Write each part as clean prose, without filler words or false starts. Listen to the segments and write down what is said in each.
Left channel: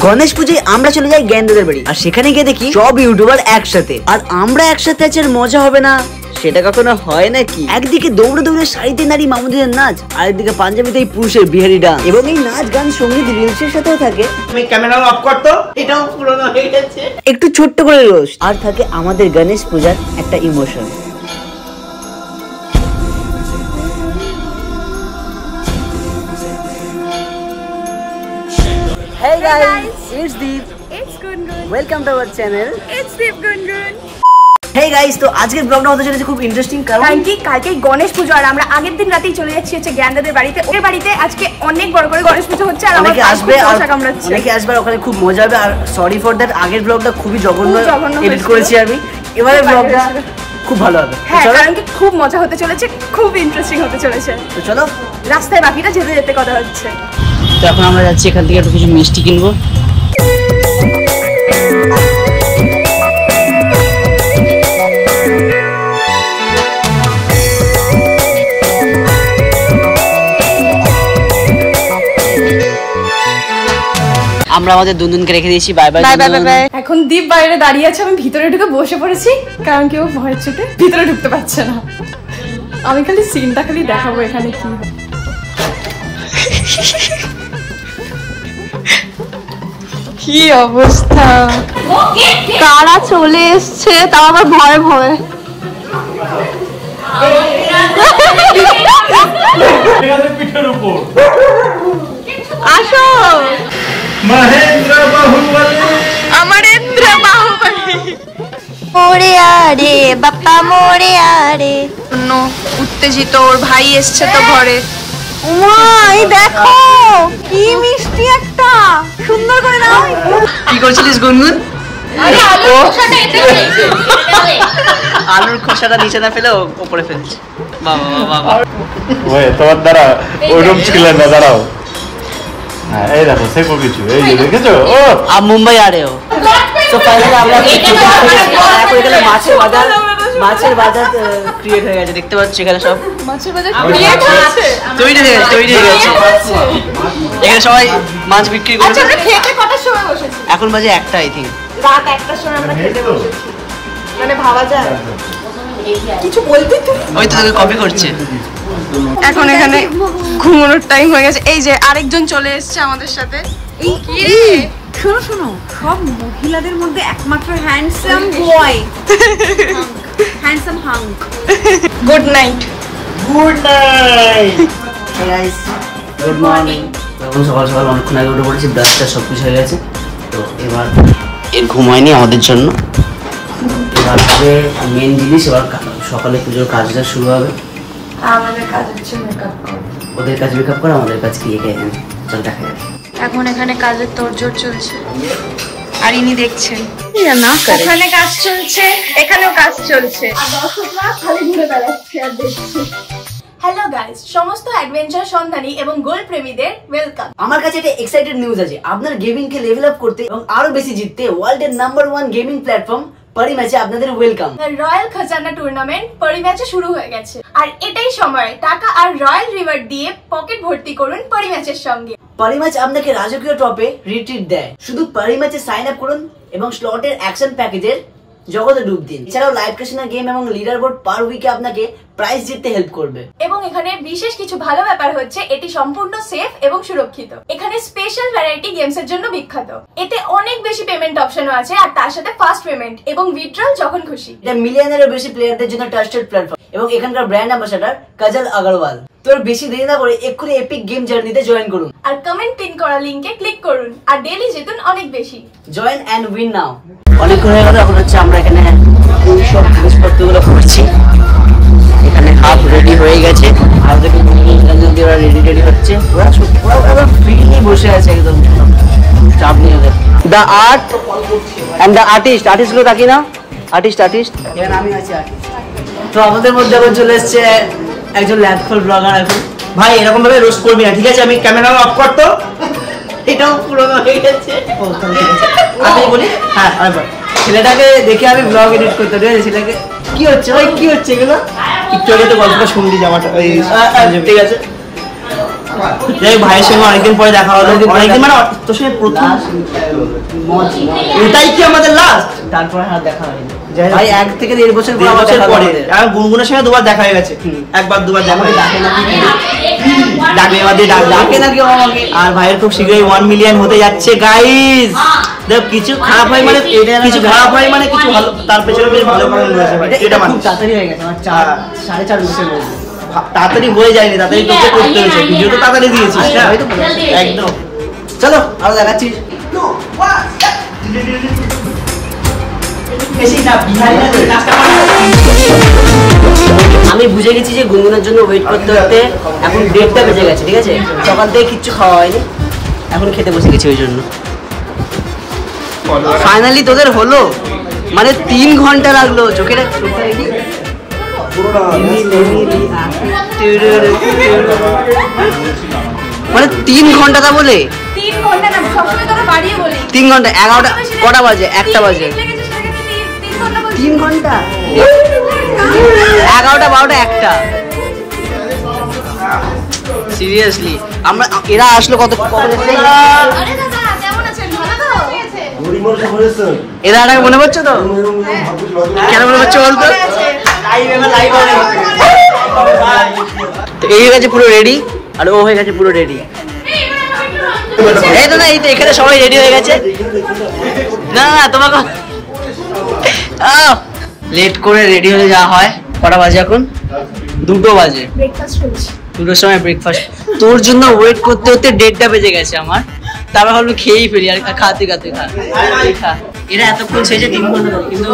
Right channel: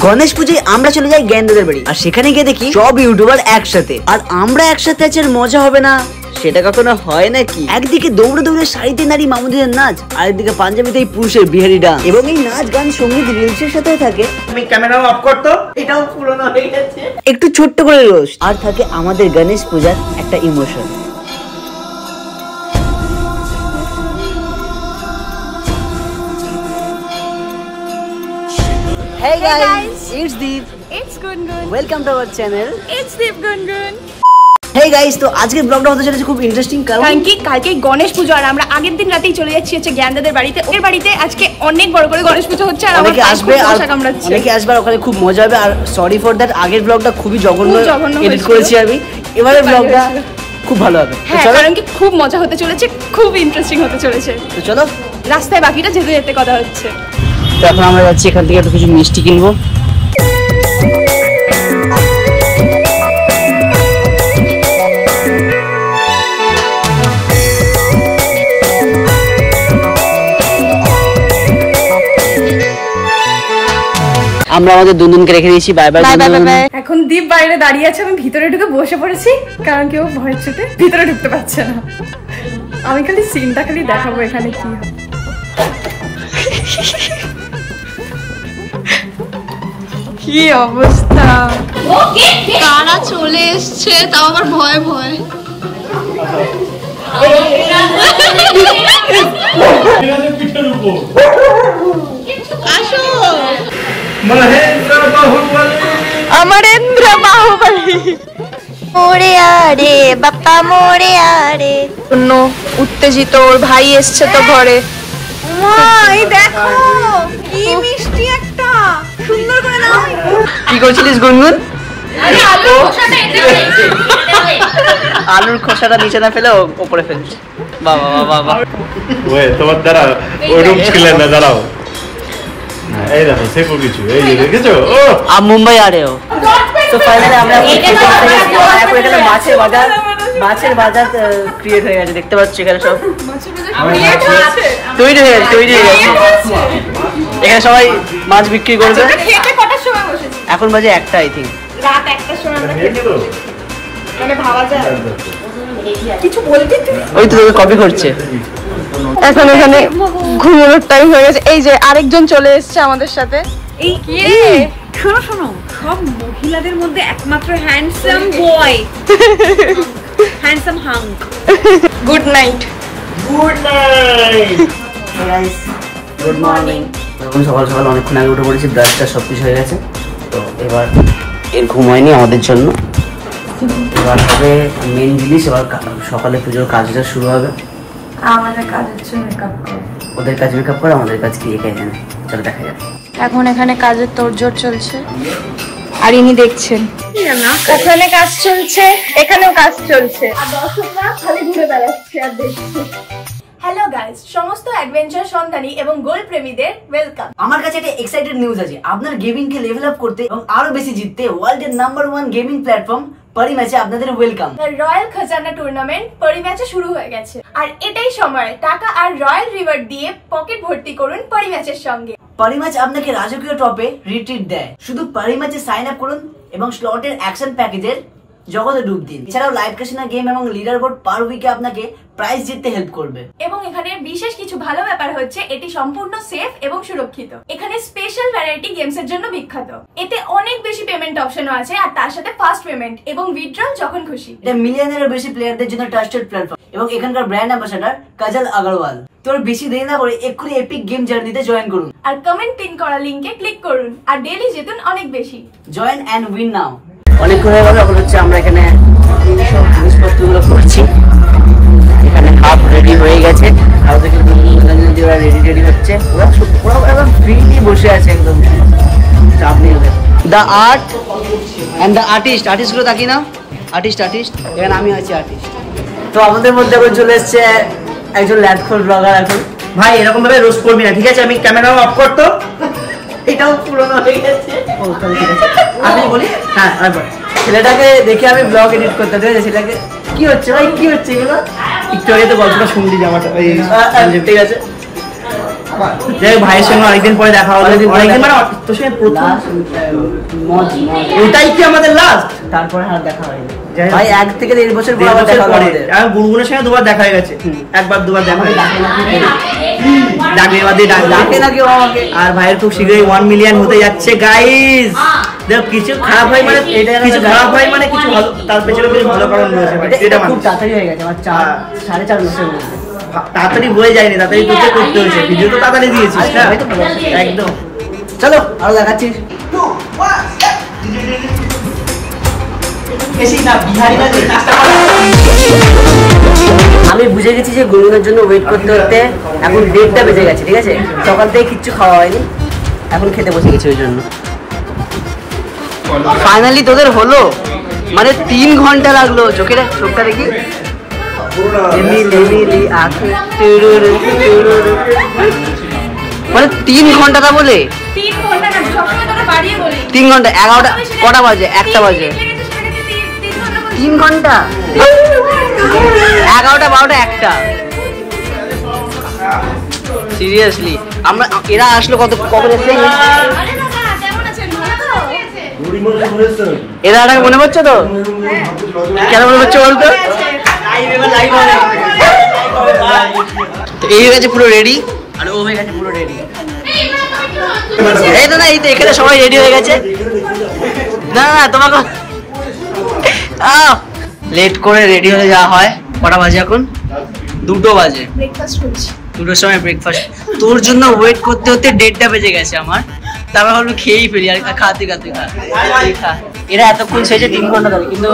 গণেশ পুজোয় আমরা চলে যাই জ্ঞানদাদের বাড়ি, আর সেখানে গিয়ে দেখি সব ইউটিউবার একসাথে, আর আমরা একসাথে আছি, আর মজা হবে না সেটা কখনো হয় নাকি? একদিকে দৌড়ে দৌড়ে শাড়িতে নারী মামুদের নাচ, আরেকদিকে পাঞ্জাবিতে পুরুষের বিহারি ডান্স, এবং এই নাচ গান সঙ্গীত রিলসের সাথেও থাকে আমি ক্যামেরা অফ করতো, এটাও পুরনো হয়ে গেছে, একটু ছোট্ট করে রোস্ট, আর থাকে আমাদের গণেশ পূজার একটা emotion. Hey guys, it's Deep. It's Gungun. Welcome to our channel. It's Deep Gungun. Hey guys, তো আজকের ব্লগটা হতে চলেছে খুব ইন্টারেস্টিং, কারণ কি কালকে গণেশ পুজো, আর আমরা আগের দিন রাতেই চলে যাচ্ছি হচ্ছে জ্ঞানদাদের বাড়িতে। ওদের বাড়িতে আজকে অনেক বড় করে গণেশ পুজো হচ্ছে, আর অনেকে আসবে, অনেকে আসবে, ওখানে খুব মজা হবে। আর সরি ফর দ্যাট, আগের ব্লগটা খুবই জঘন্য এডিট করেছি আমি, এবারের ব্লগটা খুব ভালো হবে। হ্যাঁ, কারণ কি খুব মজা হতে চলেছে, খুব ইন্টারেস্টিং হতে চলেছে। তো চলো, রাস্তায় বাকিটা যেতে যেতে কথা হচ্ছে। তো এখন আমরা যাচ্ছি এখান থেকে একটু কিছু মিষ্টি কিনবো। আমরা আমাদের দুনদুনকে রেখে দিয়েছি, bye bye bye bye bye. এখন দীপ বাইরে দাঁড়িয়ে আছে, আমি ভিতরে ঢুকে বসে পড়েছি, কারণ কেউ ভয়ের চোটে ভিতরে ঢুকতে পারছে না। আমি খালি সিনটা খালি দেখাবো এখানে কি হয়। কি অবস্থা, কারা চলে এসছে, তাও আবার ভয় ভয়। আসো, অমরেন্দ্র বাহুবলী। মোরে আরে বাপ্পা মোরে আরে, উত্তেজিত, ওর ভাই এসছে তো ঘরে। দেখো কি মিষ্টি একটা, সুন্দর করে দাও। কি করছিলিস গুনগুন? আলুর খোসাটা নিচে না ফেলে উপরে ফেলছে। বাবা বাবা বাবা, ওই তোমার দ্বারা ওরকম ছিল না, দাঁড়াও। হ্যাঁ, এই দেখো সেকো কিছু, এই যে দেখেছো? ও আপ মুম্বাই আ রে হো। তো ফাইনালি আমরা খেতে বসে গেছি, আর এখন এখানে মাছের বাজার ক্রিয়েট হয়ে গেছে, দেখতে পাচ্ছ এখানে সব তৈরি হয়ে গেছে। এখানে সবাই মাছ বিক্রি করবে। এখন বাজে 1টা, আই থিঙ্ক রাত 1টার সময় আমরা খেতে বসেছি, মানে ভাবা যায় কিছু বলবি তুই? ওই তো তোকে কপি করছে। এখন এখানে ঘুমানোর টাইম হয়ে গেছে। এই যে আরেকজন চলে এসেছে আমাদের সাথে। এই কি রে, শোনো, সব মহিলাদের মধ্যে একমাত্র handsome boy, handsome hunk. Good night. Guys, good morning. সকাল সকাল অনেকক্ষণ আগে উঠে পড়েছি, ব্রাশটা সব কিছু হয়ে গেছে। তো এবার এর ঘুম হয়নি আমাদের জন্য, এবার হবে মেন জিনিস। এবার সকালে পুজোর কাজটা শুরু হবে। আমাদের কাজ হচ্ছে মেকআপ করা, ওদের কাজ মেকআপ করে, আমাদের কাজ কি এখানে, চলো দেখা যাবে। এখন এখানে কাজের তোড়জোড় চলছে, আর ইনি দেখছেন ওখানে কাজ চলছে, এখানেও কাজ চলছে, আর দর্শকরা খালি ঘুরে বেড়াচ্ছে আর দেখছে। হ্যালো গাইস, সমস্ত অ্যাডভেঞ্চার সন্ধানী এবং গোল প্রেমীদের ওয়েলকাম। আমার কাছে একটা এক্সাইটেড নিউজ আছে। আপনার গেমিং কে লেভেল আপ করতে এবং আরো বেশি জিততে ওয়ার্ল্ডের নাম্বার 1 গেমিং প্ল্যাটফর্ম পরি ম্যাচে আপনাদের ওয়েলকাম। রয়্যাল খাজানা টুর্নামেন্ট পরি ম্যাচে শুরু হয়ে গেছে, আর এটাই সময় টাকা আর রয়্যাল রিওয়ার্ড দিয়ে পকেট ভর্তি করুন পরি ম্যাচের সঙ্গে। পরি ম্যাচ আপনাকে রাজকীয় টপে রিট্রিট দেয়। শুধু পরি ম্যাচে সাইন আপ করুন এবং স্লটের অ্যাকশন প্যাকেজের জগতে ডুব দিন। এছাড়াও লাইভ ক্যাসিনো গেম এবং লিডার বোর্ড পার উইকে আপনাকে প্রাইজ জিততে হেল্প করবে। এবং এখানে বিশেষ কিছু ভালো ব্যাপার হচ্ছে, এটি সম্পূর্ণ সেফ এবং সুরক্ষিত। এখানে স্পেশাল ভ্যারাইটি গেমস এর জন্য বিখ্যাত। এতে অনেক বেশি পেমেন্ট অপশনও আছে, আর তার সাথে ফাস্ট পেমেন্ট এবং উইথড্রল যখন খুশি। এটা মিলিয়নেরও বেশি প্লেয়ারদের জন্য ট্রাস্টেড প্ল্যাটফর্ম, এবং এখানকার ব্র্যান্ড অ্যাম্বাসাডর কাজল আগরওয়াল। তোর বেশি দেরি না করে এক্ষুনি এপিক গেম জার্নিতে জয়েন করুন, আর কমেন্ট পিন করা লিংকে ক্লিক করুন, আর ডেইলি জিতুন অনেক বেশি। জয়েন এন্ড উইন নাও। অনেকক্ষণ হয়ে গেল, এখন হচ্ছে আমরা এখানে সব জিনিসপত্রগুলো করছি। এখানে হাফ রেডি হয়ে গেছে, আর ওদেরকে ওরা রেডি হচ্ছে। ওরা ফ্রিলি বসে আছে, একদম চাপ নিয়ে। The art and the artist গুলো থাকি না, আর্টিস্ট এখানে আমি আছি আর্টিস্ট। তো আমাদের মধ্যে এখন চলে এসছে একজন ল্যাডখোর ব্লগার। এখন ভাই এরকম ভাবে রোস্ট করবি না, ঠিক আছে? আমি ক্যামেরা অফ করতো, এটাও পুরনো হয়ে গেছে। ও তাহলে ঠিক আছে, আমি বলি। হ্যাঁ আরেকবার। ছেলেটাকে দেখে আমি ব্লগ এডিট করতে, ঠিক আছে? ছেলেটাকে কি হচ্ছে ভাই, কি হচ্ছে এগুলো? একটু আগে তো গল্পটা শুনলি, জামাটা ঠিক আছে। ভাইয়ের সঙ্গে অনেকদিন পরে দেখা হলো, অনেকদিন মানে তোর সঙ্গে প্রথম এটাই কি আমাদের লাস্ট, তারপরে আর দেখা হয়নি ভাই, 1 থেকে 1.5 বছর পর আবার বছর দেখা পরে। হলো। আর গুনগুনের সঙ্গে 2বার দেখা হয়ে গেছে, একবার 2বার দেখা হয়ে ডাকে নাকি ডাকে এবার দিয়ে ডাকে নাকি আমাকে। আর ভাইয়ের খুব শীঘ্রই 1 মিলিয়ন হতে যাচ্ছে গাইস। দেখ কিছু খারাপ হয় মানে কিছু খারাপ হয় মানে কিছু ভালো, তার পেছনে বেশ ভালো কারণ রয়েছে ভাই। এটা খুব তাড়াতাড়ি হয়ে গেছে আমার 4.5 মাসের মধ্যে। তাড়াতাড়ি হয়ে যায়নি, তাড়াতাড়ি তোকে করতে হয়েছে, ভিডিও তো তাড়াতাড়ি দিয়েছিস না একদম। চলো আরো দেখাচ্ছি। আমি বুঝে গেছি যে গুনগুনের জন্য ওয়েট করতে করতে এখন 1:30টা বেজে গেছে, ঠিক আছে? সকাল থেকে কিচ্ছু খাওয়া হয়নি, এখন খেতে বসে গেছি ওই জন্য। ফাইনালি তোদের হলো, মানে 3 ঘন্টা লাগলো। চোখটা দেখি, মানে 3 ঘন্টা তা বলে 3 ঘন্টা না, সবসময় তোরা বাড়িয়ে বলি 3 ঘন্টা। 11টা কটা বাজে? 1টা বাজে। 3 ঘন্টা, 11টা 12টা 1টা। সিরিয়াসলি আমরা এরা আসলো কখন এসছে? এরা আটাকে মনে পড়ছে তো? কেন মনে পড়ছে বলতো? এই হয়ে গেছে পুরো রেডি, আর ও হয়ে গেছে পুরো রেডি। এই তো না, এই তো এখানে সবাই রেডি হয়ে গেছে। না না তোমাকে লেট করে রেডি হয়ে যাওয়া হয়। কটা বাজে এখন? 2টো বাজে। ব্রেকফাস্ট করছি। 2টোর সময় ব্রেকফাস্ট। তোর জন্য ওয়েট করতে করতে 1:30টা বেজে গেছে আমার। তারপর ভাবলাম খেয়েই ফেলি, আর খাতে খা। এরা এতক্ষণ সেজে 3 ঘন্টা ধরে, কিন্তু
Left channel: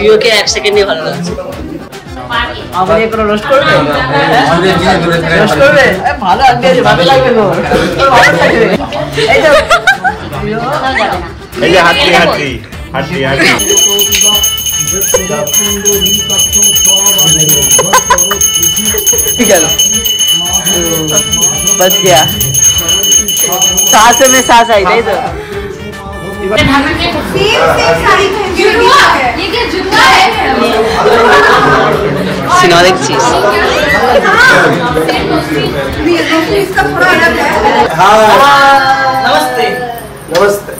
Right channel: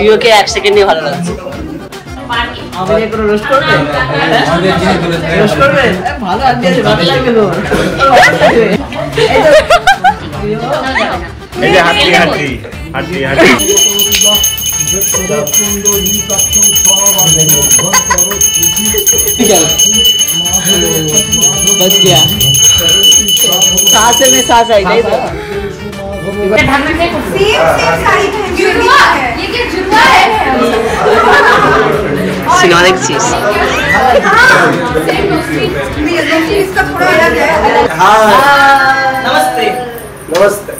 রিওকে 1 সেকেন্ডে ভালো লাগছে। আমাকে কোনো রোস্ট করবে? রোস্ট করবে? ভালো আছে, ভালো লাগবে তো। এই তো এই যে হাঁটি ठीक है बच गया, सांस में सांस आई नहीं तो। सिनेमा देखছিস? नमस्ते नमस्ते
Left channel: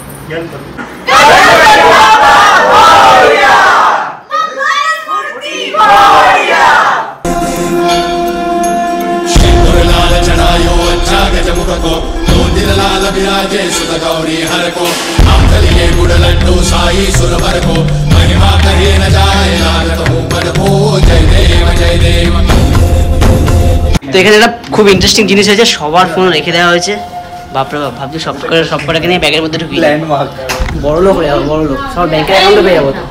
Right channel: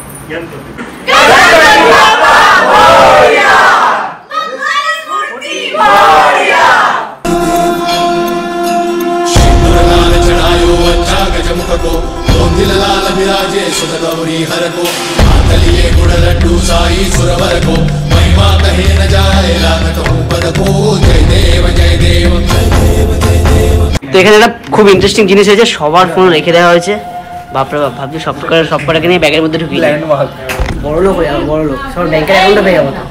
তো এখানে একটা খুব ইন্টারেস্টিং জিনিস হয়েছে, সবার ফোন রেখে দেওয়া হয়েছে। বাপরে বাপ, ভাবছি সব কটাকে নিয়ে ব্যাগের মধ্যে ঢুকিয়ে দিই। বড় লোক হয়ে যাবো, বড় লোক, সব ব্যাংকের অ্যাকাউন্টে পেয়ে যাবো তো।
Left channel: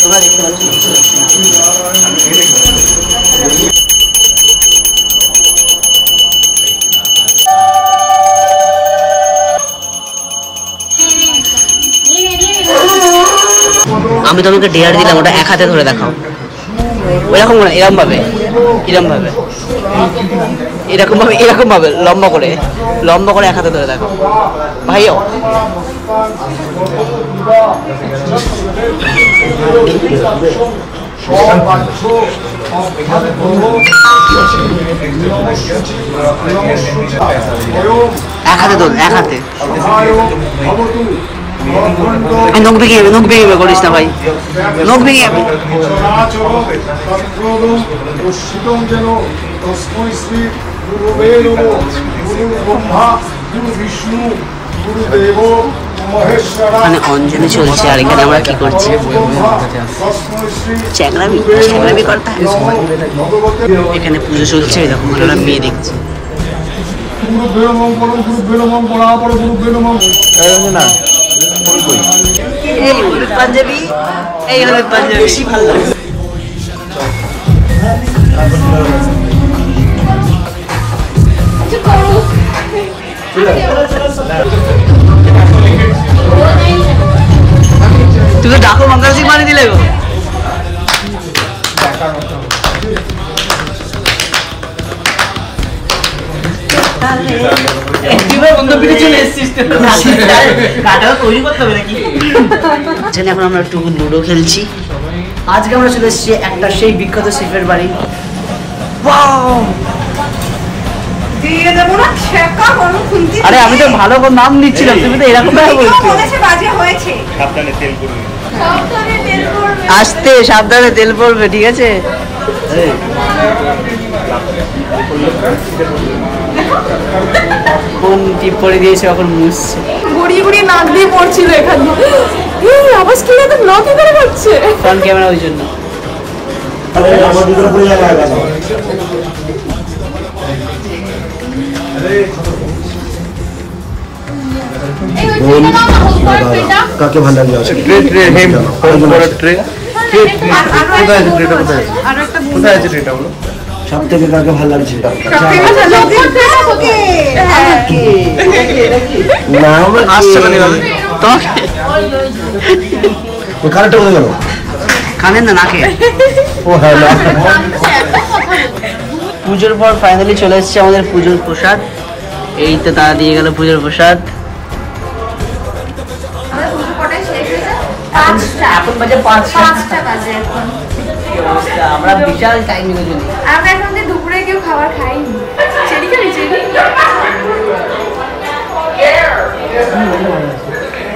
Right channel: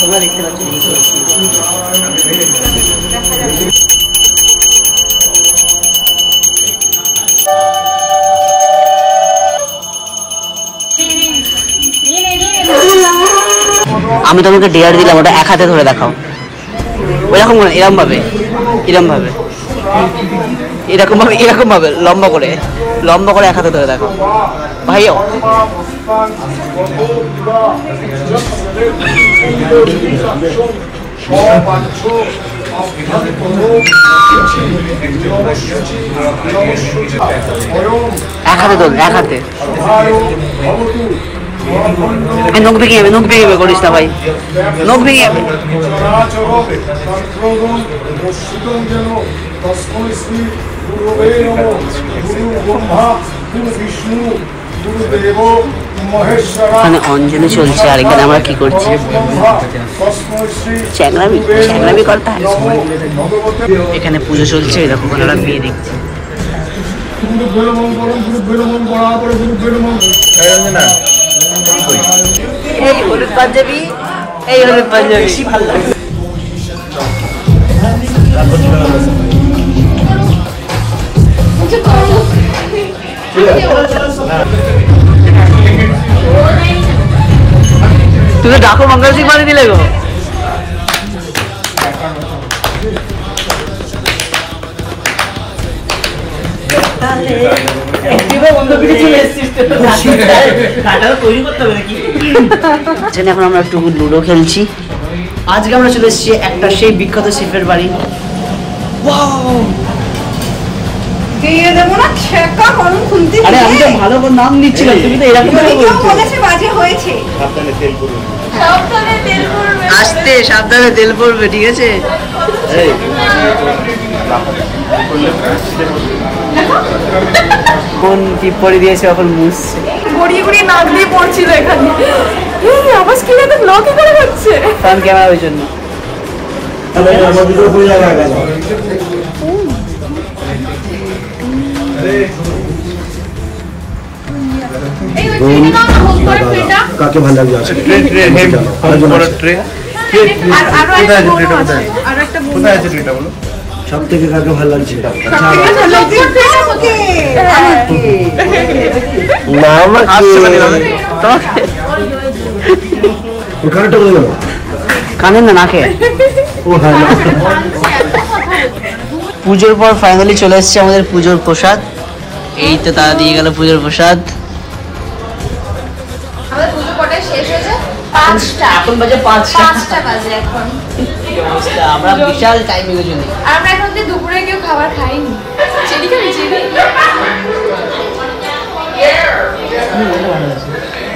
তোমরা দেখতে পাচ্ছ আমি তোমাকে ডেয়ার দিলাম, ওটা 1 হাতে ধরে দেখাও। ওইরকম না, এরকম ভাবে লম্বা করে 1 হাতে ধরে দেখাও ভাইও। এক হাতে ধর, 1 হাতে। নখ ভেঙে যাবে করিস না ভাই, নখ ভেঙে যাবে। মানে অঞ্জলি চলছে, আর এখানে আমরা কি করছি? চ্যাংরামি করতে হয়। এখানে পুজো চলছে, এরকম আমরা মেয়ে দেখছি। এই হলুদ পাঞ্জাবি, বেশি ভালো লাগে। তুই তো ডাকো মঙ্গল সিং বানিয়ে দিলে গো। এখন আমরা একটু লুডো খেলছি। আজকে আমরা চলে এসেছি একটা সেই বিখ্যাত শেফের বাড়ি। ওয়াও, দিয়ে দেব না ছেকা কোন খুলতে। আরে আমি তো ভালো করে নাম নিচ্ছিলাম, তুমি তো এরকম ভাবে বলছো। বলেছে বাজে হয়েছে। সাবধানে তেল পড়বে, সাবধানে তেল পড়বে, আস্তে সাবধানে তেল পড়বে, ঠিক আছে? এই কোন টিপ পরে দিয়েছে এখন মুছছে, গড়িয়ে গড়িয়ে নাক দিয়ে পড়ছিল এখানে। এই আওয়াজ কি না, তো ব্লগ করে হচ্ছে ফ্রন্ট ক্যামেরা ওই জন্য। আমার ভিতরে পুরো লাগা গেল। কাকে ভালো লাগবে? ট্রে ট্রে হেম বড় ট্রে ট্রে কোথায় আছে ট্রেটা? কোথায় আর একটা কোথায় আছে ট্রেটা বলো? সব থেকে কাকে ভালো লাগছে? না আমার আসছে মানে ভাবে তোমাকে কানেরটা বলে গেল, কানে না নাকে। ও হ্যাঁ না। পুজোর পর ফাইনালি চলে এসেছে আমাদের পুজোর প্রসাদ। এই তো তারা দিয়ে গেল পুজোর প্রসাদ। আমাদের পুজো কটায় শেষ হয়েছে? এখন বাজে 5টা। 5টা বাজে এখন। কি অবস্থা, আমরা বিশাল টাইমিং এর জন্য। আমরা এখন যে দুপুরে কেউ খাবার খাইনি। চেরি খাবি চেরি?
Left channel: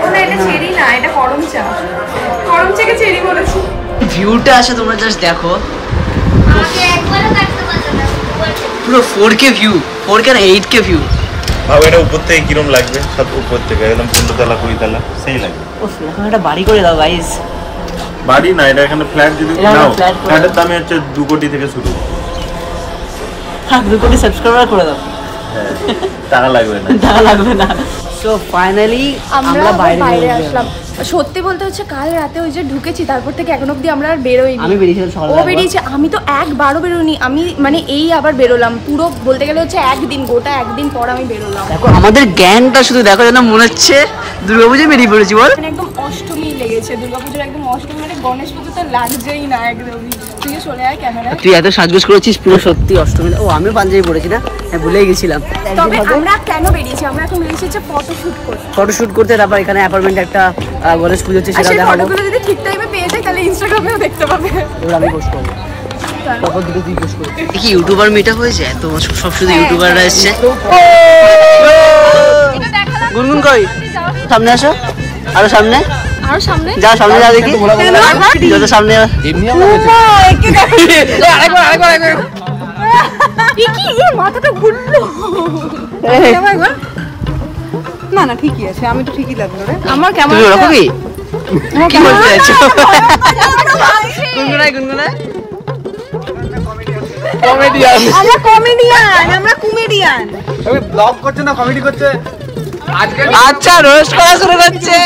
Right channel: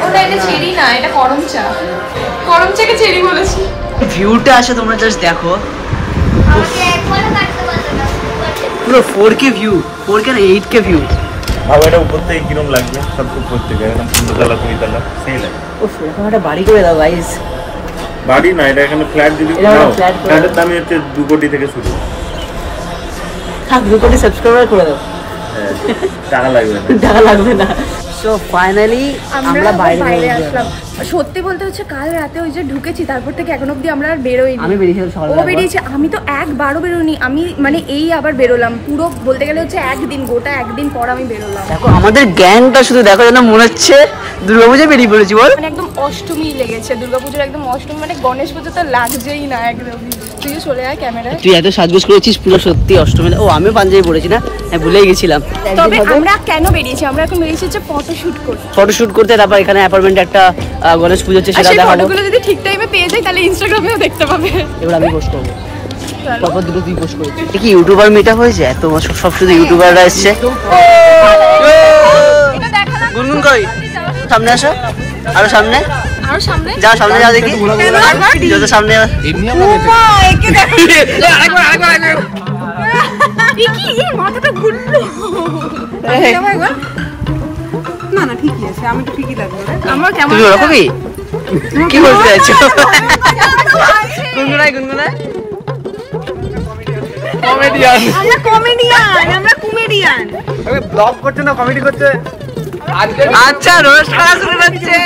ওটা এটা চেরি না, এটা করম চা। করম চাকে চেরি বলেছি। ভিউটা আছে তোমরা জাস্ট দেখো, পুরো 4K ভিউ, 4K না 8K ভিউ। ভাবো এটা উপর থেকে কিরম লাগবে, সব উপর থেকে একদম 15 তলা 20 তলা সেই লাগে। উফ, এখন একটা বাড়ি করে দাও গাইস। বাড়ি না, এটা এখানে ফ্ল্যাট যদি এটা নাও, flat করে ফ্ল্যাটের দাম হচ্ছে 2 কোটি থেকে শুরু। থাক 2 কোটি সাবস্ক্রাইবার করে দাও, হ্যাঁ, টাকা লাগবে না। টাকা লাগবে না। তো ফাইনালি আমরা বাইরে আসলাম। সত্যি বলতে হচ্ছে কাল রাতে ওই যে ঢুকেছি, তারপর থেকে এখন অবধি আমরা আর বেরোইনি। আমি বেরিয়েছিলাম ও সকালবেলা। বেরিয়েছে, আমি তো একবারও বেরোইনি। আমি মানে এই আবার বেরোলাম, পুরো বলতে গেলে হচ্ছে একদিন, গোটা একদিন পর আমি বেরোলাম। দেখো আমাদের গ্যাংটা শুধু দেখো, যেন মনে হচ্ছে দুর্গাপূজায় বেরিয়ে পড়েছি বল। মানে একদম অষ্টমী লেগেছে, দুর্গাপুজোর একদম অষ্টমী, মানে গণেশ পুজো তো লাগছেই না একদমই। তুই চলে আয় ক্যামেরায়। তুই এত সাজগোজ করেছিস পুরো সত্যি অষ্টমী। ও আমিও পাঞ্জাবি পড়েছি না, আমি ভুলেই গেছিলাম। তবে আমরা কেন বেরিয়েছি? আমরা এখন বেরিয়েছি হচ্ছে ফটোশুট করতে। ফটোশুট করতে, তারপর এখানে অ্যাপার্টমেন্টে একটা গণেশ পুজো হচ্ছে, আর সেটা সেই দেখাবো। ফটোগুলো যদি ঠিক টাইমে পেয়ে যাই তাহলে ইনস্টাগ্রামেও দেখতে পাবে। এবার আমি পোস্ট করবো, তারপর দুটো তুই পোস্ট করবি। কি ইউটিউবার মিট আপ হয়েছে? এত সব শুধু ইউটিউবাররা এসছে। এটা দেখালাম। গুনগুন কই? সামনে আসো, আরো সামনে আর সামনে যাও, সামনে যাও দেখি, যত সামনে যাও। না না ঠিকই আছে, আমি তো ঠিকই দেবো। আমার কেমন তুমি ওরকমই কি বলতে চাইছো? গুনগুনাই গুনগুনাই। আমরা কমেডিয়ান, আমরা কমেডিয়ান। ব্লগ করছে না কমেডি করছে? আচ্ছা রোস্ট করা শুরু করছে।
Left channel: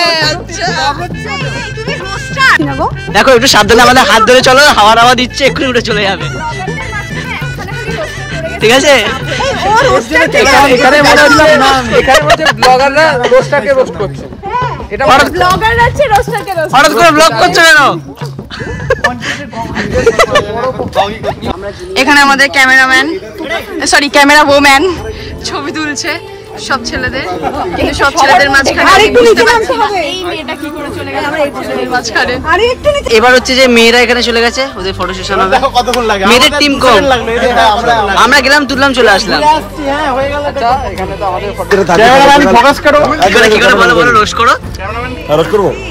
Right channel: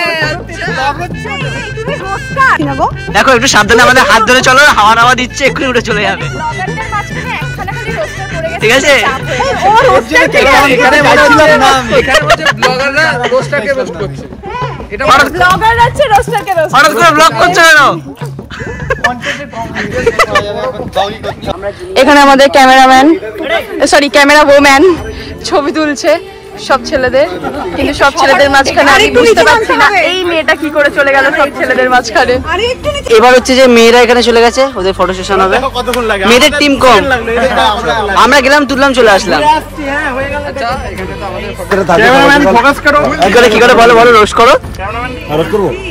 দেখো একটু সাবধানে, আমাদের হাত ধরে চলো, হাওয়া হাওয়া দিচ্ছে, এক্ষুনি উঠে চলে যাবে, ঠিক আছে? হঠাৎ করে ব্লগ করছো কেন? এখানে আমাদের ক্যামেরাম্যান, সরি ক্যামেরা ওম্যান ছবি তুলছে সব ছেলেদের, কিন্তু সব ছেলেদের মাঝখানে আমি বুঝতে পারছি না এই মেয়েটা কি করে চলে গেল সব ছেলেদের মাঝখানে। এবার হচ্ছে যে মেয়েরা এখানে চলে গেছে, ওদের ফটো সেশন হবে। মেয়েদের টিম কম, আমরা গেলাম, তুললাম, চলে আসলাম। কি করে বলো বলো, রোস্ট করো।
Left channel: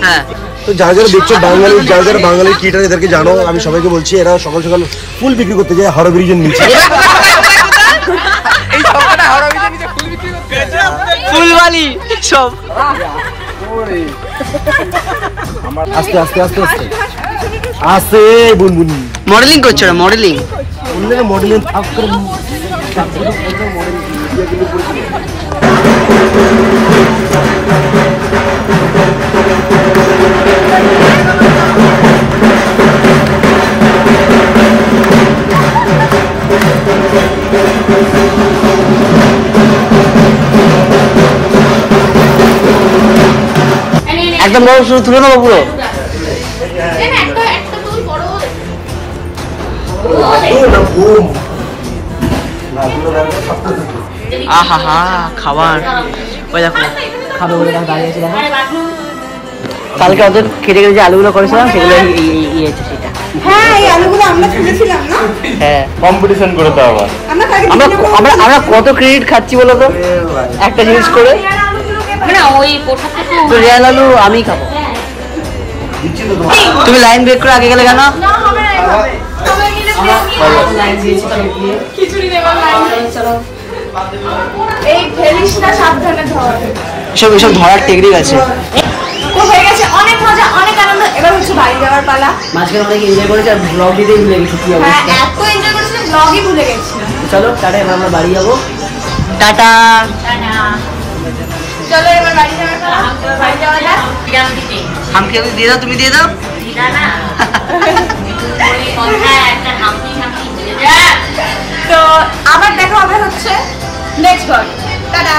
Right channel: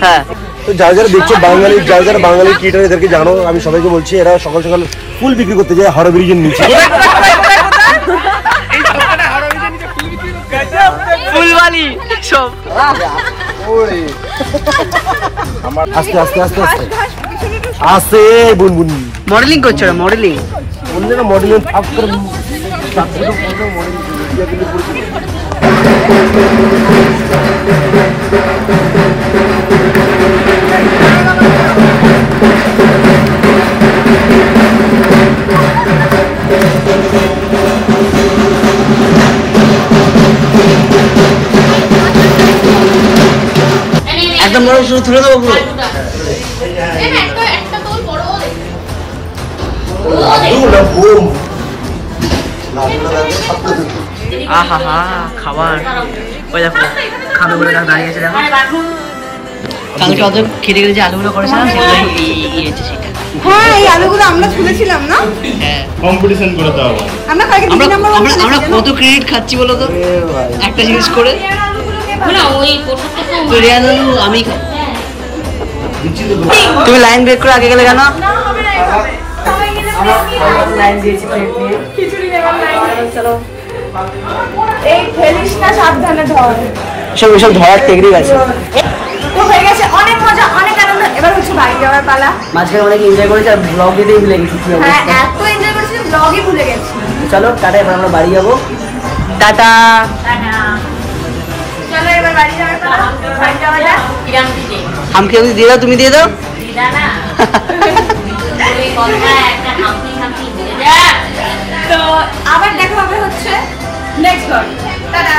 হ্যাঁ, তো যারা যারা দেখছো বাঙালি, যারা যারা বাঙালি ক্রিয়েটার এদেরকে জানো, আমি সবাইকে বলছি এরা সকাল সকাল ফুল বিক্রি করতে যায় হাওড়া ব্রিজের নিচে। ফুলবালি সব। আস্তে আস্তে আস্তে আস্তে আস্তে বুনবুন মডেলিং করছো না? মডেলিং অন্যরা মডেলিং আপ করে একদম বড় শুরু তুলে দেবো পুরো। আহা হা, খাবার ওই দেখো, খাবে বলে দাঁড়িয়ে আছে দেখো। কালকে অত খেতে গেলে যে আলুগুলো করেছিলাম সেগুলো ইয়েছে সেটা। হ্যাঁ এই আলুগুলো আমরা তুলেছিলাম না? হ্যাঁ কম্পিটিশন করে তো আবার আমরা তাকে আমরা আমরা আমরা কত ক্রেডিট খাচ্ছি বলো তো একটা জিনিস করে। তো রিয়ান আলু আমি খাবো। তুমি লাইন ব্রেক করে আগে গেলে কেন? এসব ধরার টেকনিক আছে। তো হয়ে গেছে অনেক মজা অনেক আনন্দ, এবার হচ্ছে বাড়ি যাওয়ার পালা। মাঝখানে অনেক এনজয় করেছি আর ব্লগ দিতেই ভুলে গেছি কি হ্যাঁ অবস্থা। এত এনজয় করেছিলাম ব্লগই ভুলে গেছি। চলো টাটা, এবার আমরা বাড়ি যাবো। টাটা। চলো এবার বাড়ি যাওয়ার পালা, বাড়ি যাওয়া যাক। আমাকে দিয়ে দাও, তুমি দিয়ে দাও। তো আবার দেখা হবে হচ্ছে নেক্সট ব্লগ। টাটা।